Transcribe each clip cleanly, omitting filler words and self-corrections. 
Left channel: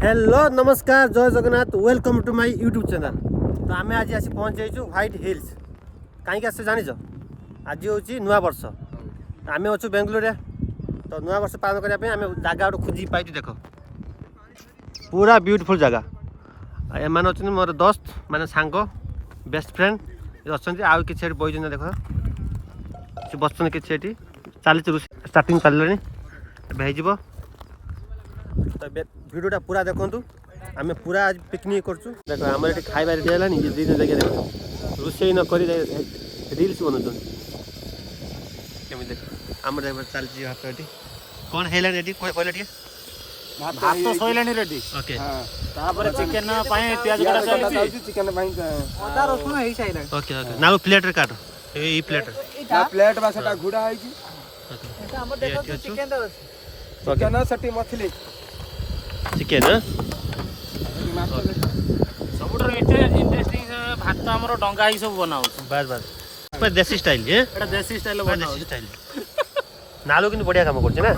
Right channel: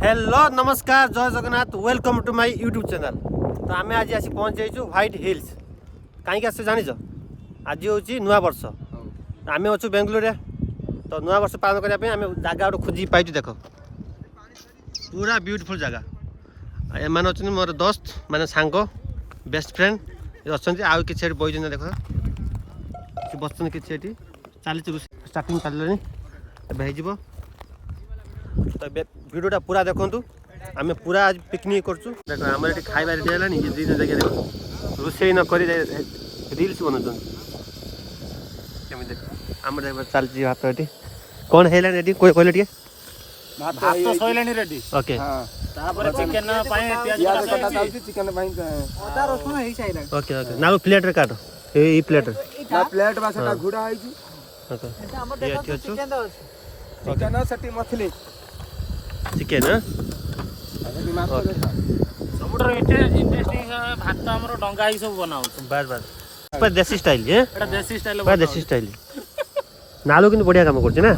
Hello नमस्कार जय Jagannath welcome to my YouTube channel. तो आम आज आसी पहुँच जाइए व्हाइट हिल्स। कहीं आस जान आज हूँ नुआ वर्ष। तो आम अच्छु बेंगलोर। तो नुआ वर्ष पालन करने आम जगह गोटे खोजी पाई। देख पूरा ब्यूटीफुल जगह। एम अच्छा मोर दोस्त माने सांग बेस्ट फ्रेंड अच्छा आउ कि बही देख कि बस कि चली स्टार्टिंग चल हो तो वीडियोटा पूरा देखु। आम पूरा आज पिकनिक करूँ। देख आम ये खाଇବା रेडी है ये दिन जगह देख रोषे नक रिल्स बनाऊँ केमी देख आम चलती हाथ ये कौन है रेडी कहले टे भात सइलानी रेडी ओके तापर चिकन पाए प्याज कटा जाउची चिकन पाए अदा रसुन हेई साइला ओके ओके ना प्लेट रे काट ये प्लेट ना प्लेट बा सेटा घुडा आइची ओके एटा हमर देखो चिकन दो चिकन सटी मछली चिकन हां सबुटर एटा इंटरेस्टिंग भात हमरो डंगा ही सब बनाउ बस बस पर देसी स्टाइल है एटा देसी स्टाइल बनाउ देसी स्टाइल नालो किन बढ़िया काम करछ ना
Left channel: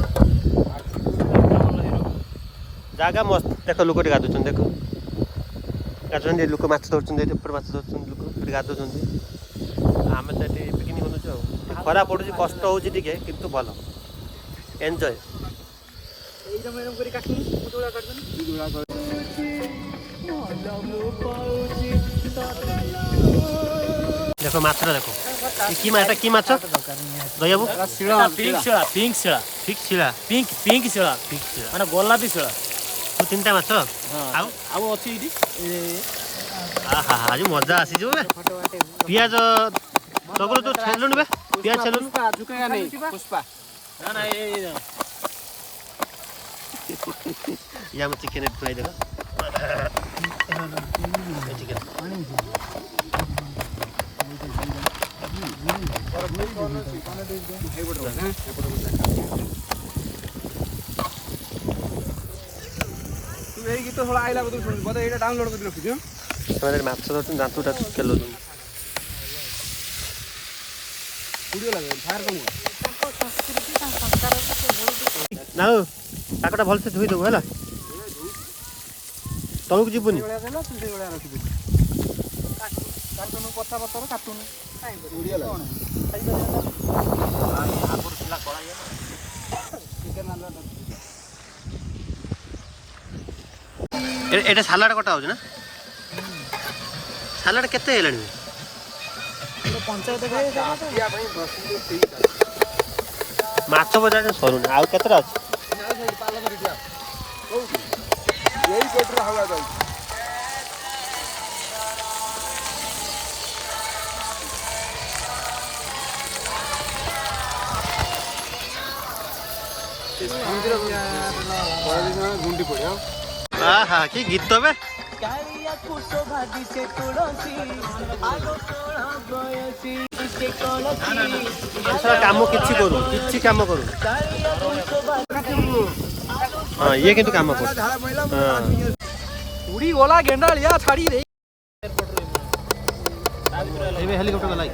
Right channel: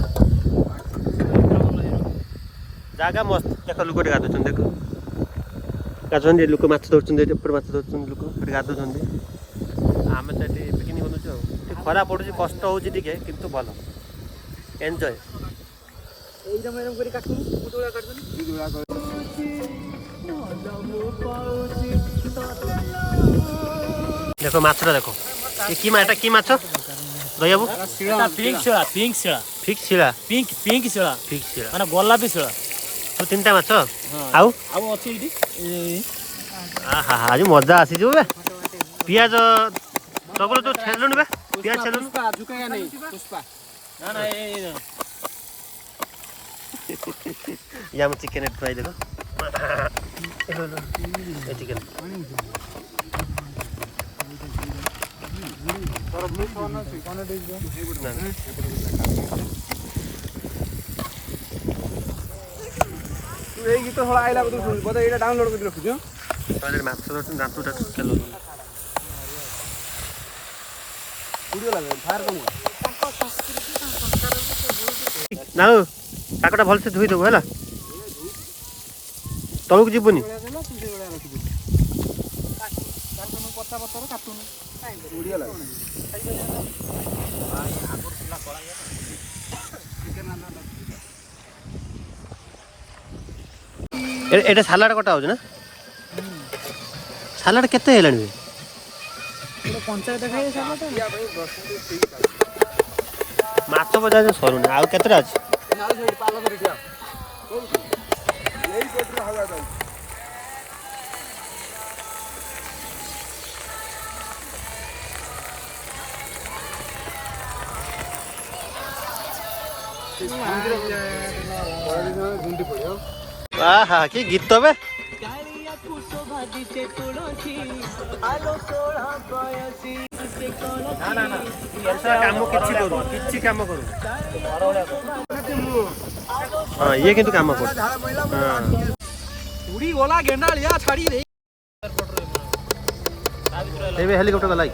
जागा मस्त देख लोक गाधुन देख गाधुन लोक माछ धरछन ऊपर माछ धरछन लोक गाधुन आम तो ये पिकनिक बनाऊ खरा पड़ू कष्ट हो किंतु भल एंजॉय देखो माछ देखो कि माटा कि माछ दया बाबू पिंक शिला फिक्स शिला पिंक शिला माने गोलापी शिला तू तीनटा माछ आउ आउ अछि इडी आहा आज मजा आसी जो बे पियाज तगरो तो छेलुन बे पियाज छेलुन झुकेगा नहीं पुष्पा ना ना ये या म चिकन फ्राई देखो ए चिकन এই গীত হলা আইলা বদে এটা ডাউনলোড করে রাখুছো তোমাদের মাছ ধরছেন দাঁতুটা কেলো ভিডিও লাগে ফায়ার কম নাও টাকাটা ভালসে ধুই দেবো হেলা তলକୁ ଯିବୁନି কাটুন কথা বতর কাটুন ভিডিও লাগে আগর ছিলা করা যায় চিকেন আনলা এটা সালাড কটা হচ্ছে না সালাড কেতে হেলানি পঞ্চায়েত খাই সালা তো ইয়া ভাই বসুন ঠিক আছে মাছ বজা ଆଉ କେତେଟା ଅଛି ନା ସେଇଠି ପାଲ ଧରି ଠିଆ କୋଉଠି ଏଇ ପେଟରେ ହବା ଯାଉଛି ଗୁଣ୍ଡି ପଡିବ ଆହା କି ଗୀତ ବେ କାମ କିଛି କରୁ କିଛି କାମ କରୁ ହଁ ଇଏ କିନ୍ତୁ କାମ କରୁ ଉଡି ଗଲା ଗେଣ୍ଡାଳିଆ ଛାଡି ରେ ଏବେ ହେଲିକପ୍ଟର ଗଲା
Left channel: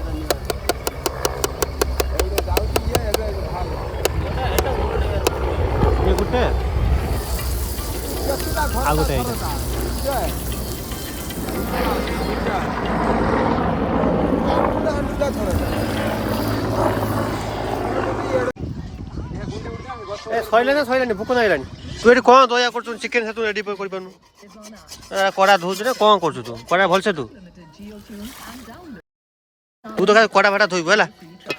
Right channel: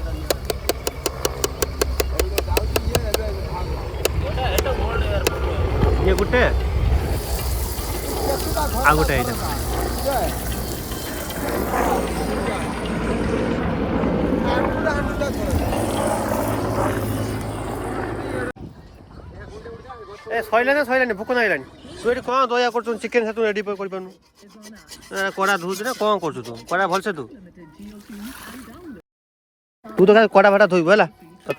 ଇଏ ଗୋଟେ ଆଉ ଗୋଟେ ଏଇଟା ए सैलानी सैलानी भोक नागिलानी तू ये कौन दया कर चिकेन से तू रेडी कर कड़ा धोचु ना कौन कर तू कड़ा भलसे तू तू तो कड़ा फाटा धोबू है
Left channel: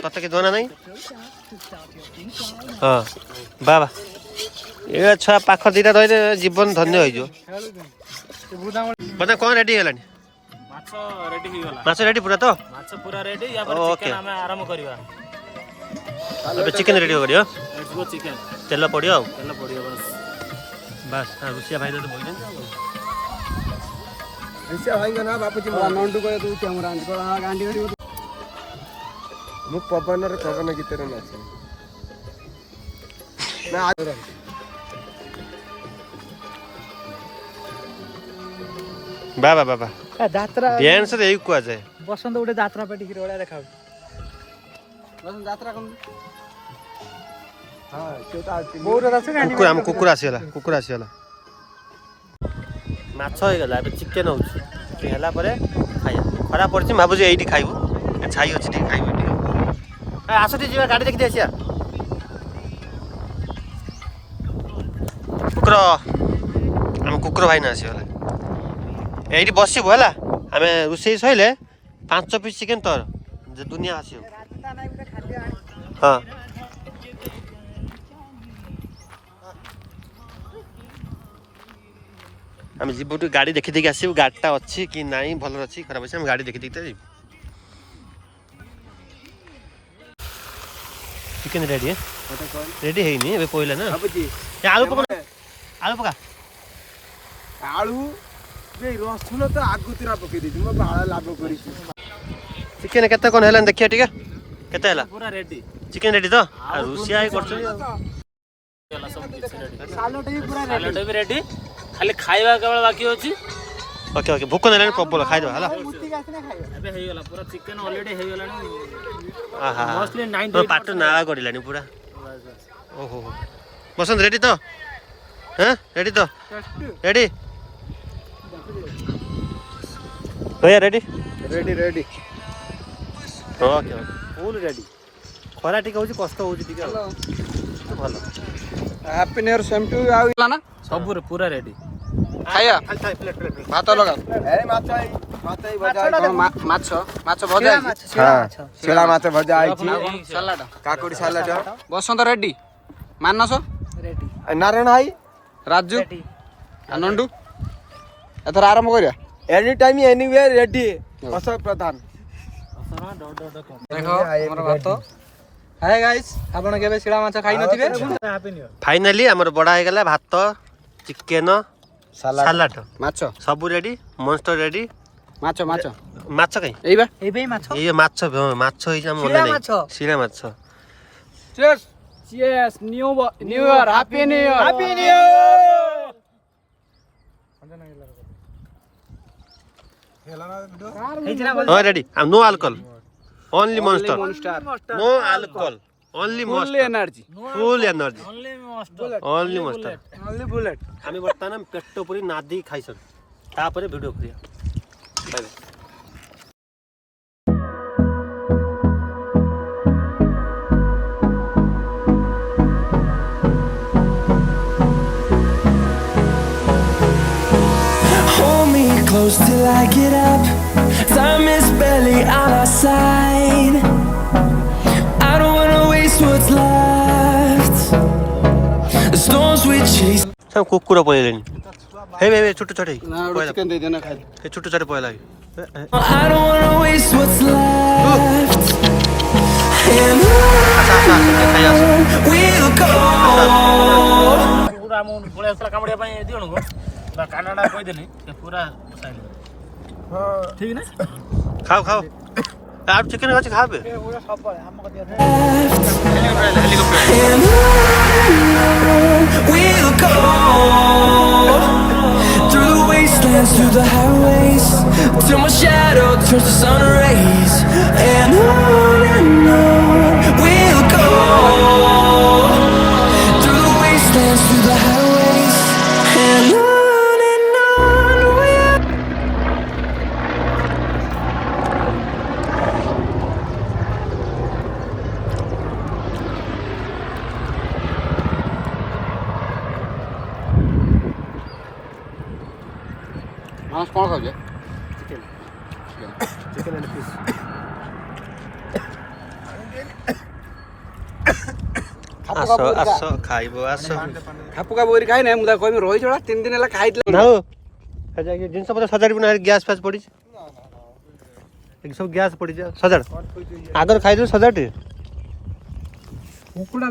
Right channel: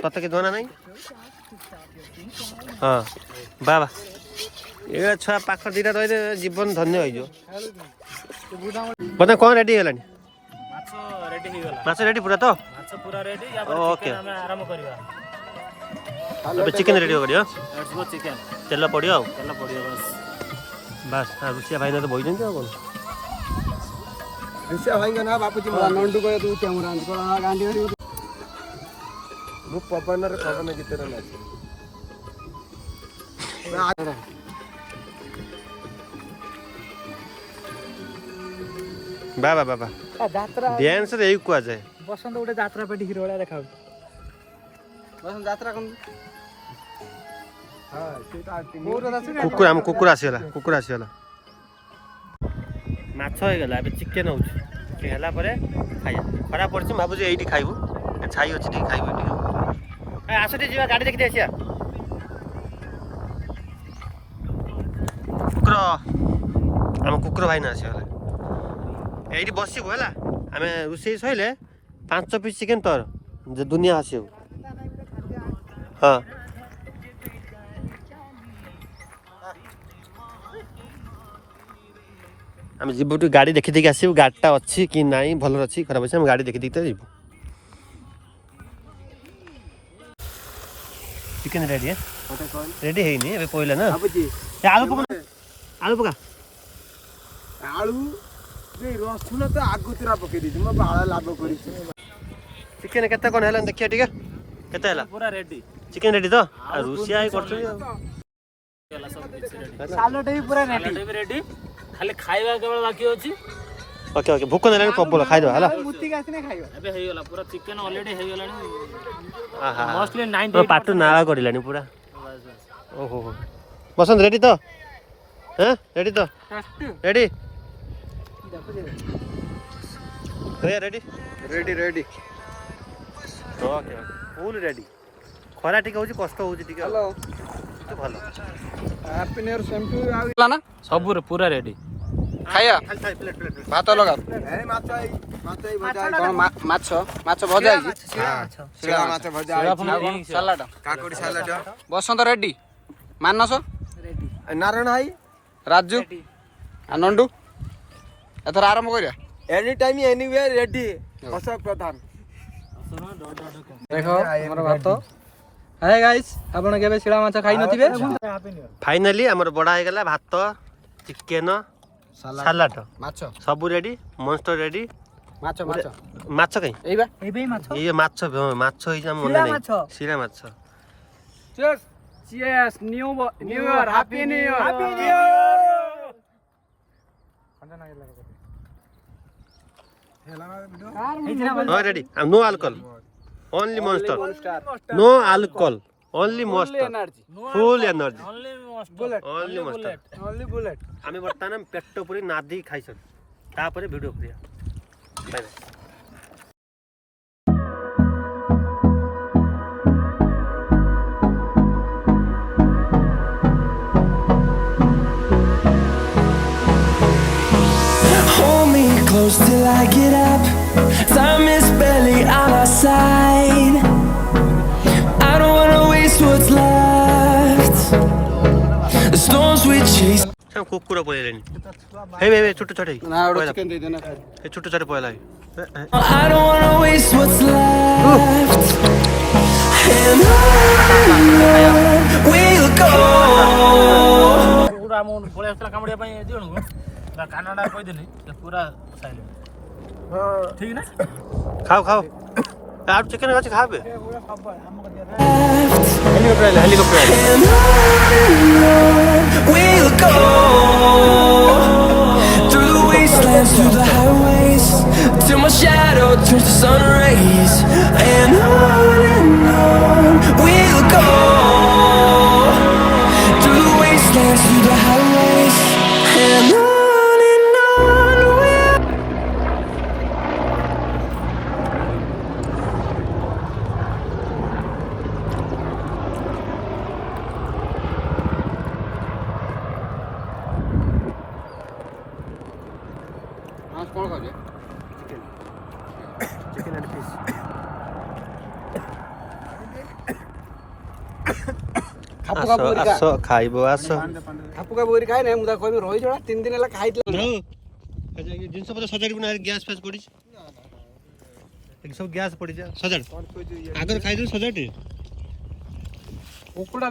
तत्ते कि जना ना हाँ बाबा ये छुआ पाख दीटा रही जीवन धन्य हो मतलब कौन रेडी है माछ रेडी पूरा तो ओके अबे चिकन रेडी हो गयो चिकन तेल पड़ियो तेल पड़ियो बस बस रुसिया भाई तो बोल दो रुसिया भाई का ना बापूजी नंडू को तू कैमरा को गांडी मु पवन रे पवन गीत रे नाच ना बाबा बाबा यात्रा डांस रे एक कुआ जाए बसंत गोटे यात्रा पेटी हिरो वाला देखाउ बसंत यात्रा कम हां सेटा कुकुर कुकुर आसीगला ମାଛ ହେଇଗଲା ଏବେ ଚିକେନ ହଉଛି ସେ ହେଲା ପରେ ଖାଇବା ଖରା ପଡିଛି ଭାବୁଛି ଏଇଠି ଖାଇବୁ ଛାଇ ଅଛି ଟିକେ ଖାଇବୁ ଟିକେ ଆସ ଟିକେ ଯିବା ଗାଡ଼ି ଦେଖିକି ଆସିବା କୁକୁର ଆମ କୁକୁର ଭାଇ ନା ଆସିଗଲେ ଏଇଠି ବସିବୁ ହେଲା ଆମେ ରୋଷେଇ ସରିଲେ 5 ପିସ୍ ଚିକେନ ତୋର ଯେ ଦୁନିଆ ଆସିବ ହଁ ଆମେ ଯିବୁ ଟିକେ ଗାଡ଼ି ଦେଖି ଦେଇକି ଆସିବୁ ଗାଡ଼ିଟା ଅଛି କି ନାହିଁ ଭଲରେ ଅଛି ଖରାପ ଅଛି ଆମେ ଗାଡ଼ି ଦେଖି ଦେଇକି ତ ଯିବୁ ଚିକେନ ରେଡ଼ି ରେଡ଼ି ହେଇନି ଏବେ ପଇଲା ନା ଆଳୁ ପକା ଆଳୁ ପକା ଆଳୁ ରସୁଣ ତ ଆଗୁତୁରା ପକେଇ ଦେଇଛି ମୋ ବାଳ ଲାଭ କରିଛି ଚିକେନ କେତେ କ'ଣ ହେଲାନି ଦେଖିବା ଟିକେ କେତେ ହେଲା ପୁରା ରେଡି ଚିକେନ ରେଡ଼ି ତ ଆଉ ରୋଷିଆ କରୁଛନ୍ତି ରେଡି ଖାଲି ଖାଇବା କେବଳ ବାକି ଅଛି ଓକେ ଓକେ ଭୋକ ନେଲାଣି ପ୍ରବଳ ଖାଇଦେବା ହେଲା ଏବେ ହେଇଗଲା ପୁରା ଚିକେନ ଅଲରେଡି ହେଇଗଲାଣି ଆହା ମଷ୍ଟଲି 90 ପାଟୁ ନାଳ କରିଲାଣି ପୁରା ଓହୋ ବସନ୍ତ ରେଡ଼ି ତ ହଁ ରେଡ଼ି ତ ରେଡ଼ି ଭैया ready ready ready okay full ready ଖରା ଟିକେ ହେଉଛି କଷ୍ଟ ହେଉଛି ଟିକେ ଆଉ କିନ୍ତୁ ଭଲ happy new year same to ଆଉ ନା ସବୁରେ ପୁରା ରେଡି ଖାଇବା ଭାତ ଲଗା ମାଛ ମାଛ ଭଜା ହେଇଛି ଶିଳା ମାଛ ଭଜା ହେଇଛି ସାଲାଡ କାକୁଡି ସାଲାଡ ବସନ୍ତ ରେଡି ମାନସ ରେଡି ନାରାୟଣ ଭାଇ ରାଜୁ ନଣ୍ଡୁ ଏଥର ଆରମ୍ଭ କରିବା any time ଏନିୱେୟାର ready Ashok Pradhan ଦେଖ ଆମର ଭାତ ହାଏ ଗାଇସ୍ ଆପଣ କେବେ ଶିଳା ମାଛ ଖାଇ ନଥିବେ ଫାଇନାଲି ଆମର ବଡ଼ା ହେଇଗଲା ଭାତ ଚିକେନ ସାଲାଡ ମାଛ ସବୁ ରେଡ଼ି ମନଷ୍ଟର ରେଡ଼ି ମାଛ ମାଛ ମାଛ କାଇଁ ଏଇବା ମାଛ ଏଇ ମାଛ ମାଛ ହେଇଛି ଆମ ମନେ ନାହିଁ ଶିଳା ମାଛ Cheers! Cheers! New Year! Happy New Year! Happy New Year! ହଁ ready no alcohol only Monster no alcohol only Monster energy. Full energy only Monster Only bullet. आम्ही वर्तमान पेट पुरी नादी खाइसन तापर वीडियो करिया bye bye Close till I get up. Time is barely on our side. I don't wanna waste what's left. The storms we chase. सब कुकुर पळेलेनी हे हे छोटे छोटे ना चिकन दे देना खाई हे छोटे छोटे पळला I don't wanna waste what's left. And on we'll go. पूरा मन बळे असला कामडिया पई दियोनु गो बा कानाडा कहि देनी पूरा साइले ठीक ना खाओ खाओ आप चिकन अच्छे खा बे And on we'll go. Through the wastelands, through the highways, till my shadow turns to sun rays. And on we'll go. Through the wastelands, through the highways, and on we'll मांस कोन खाजे chicken and fish आसो आसो खाइबो आसो खापुका बोरी खाइ नै मुदा कहबे रोइ छोडा 3 दिन हला खाइतले ना हो खजा ये जिनस पता सजाड़ी बना गैस फैस पड़ी एक सब गैस पड़ी जा सजाड़ आगर खाइ दो सजाड़ कुकुडा